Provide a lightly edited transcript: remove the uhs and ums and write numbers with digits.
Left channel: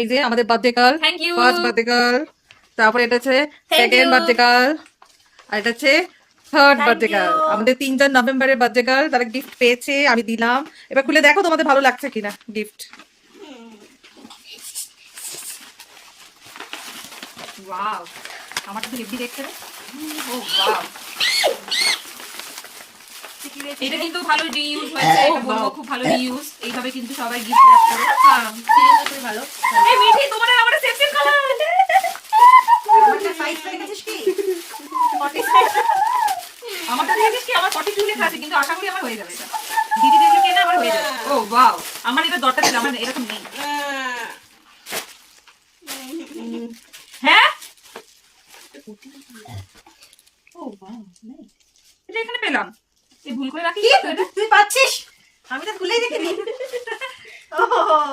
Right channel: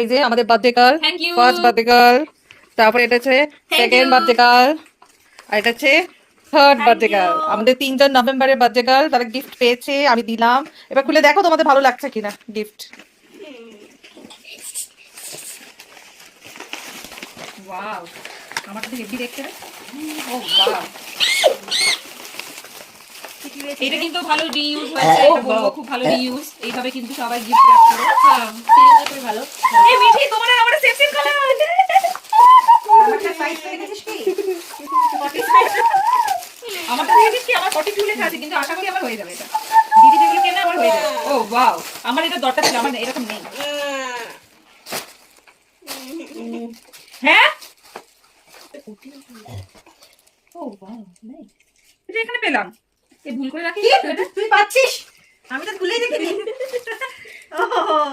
এই যে আমাদের birthday girl, Thank you. First birthday girl, তারপরে এটা হচ্ছে সেকেন্ড you. বার্থডে গার্ল, আর এটা হচ্ছে third Thank birthday girl. you. আমাদের 3জন নভেম্বরের বার্থডে গার্ল, তারা গিফট পেয়েছে, আমি দিলাম। এবার খুলে দেখো তোমাদের ভালো লাগছে কিনা গিফট। ওয়াও, আমার তো হেভি দেখতে রে। ও ওয়াও, এটা কিন্তু ভালো রিইউজ হয়েছে, এটা বলবো খুব ভালো রিইউজ। এইভাবে কিন্তু সবাই গিফট র্যাপ করো। সিরিয়াসলি ভালো। এই মিঠি, তোমার আর আমার সেম সেম কালার। আমারটা সাইজ করে দেখেছিস কি? আমারটা দেখেছিস কি? আমার 42 লেখা আছে, কিন্তু আশা করি আমার হয়ে যাবে এটা। দিদি দেখলে কেন আমার হয়ে যাবে। ও ওয়াও, আমার এটা দরকার ছিল, আমার এরকম নেই। হ্যাঁ, ও ওয়াও, নাইস। এটা এখানে পেলাম। এই ভুল করে রাখি। তুই পাচ্ছিস? আমি তো খুলেই দেখিনি।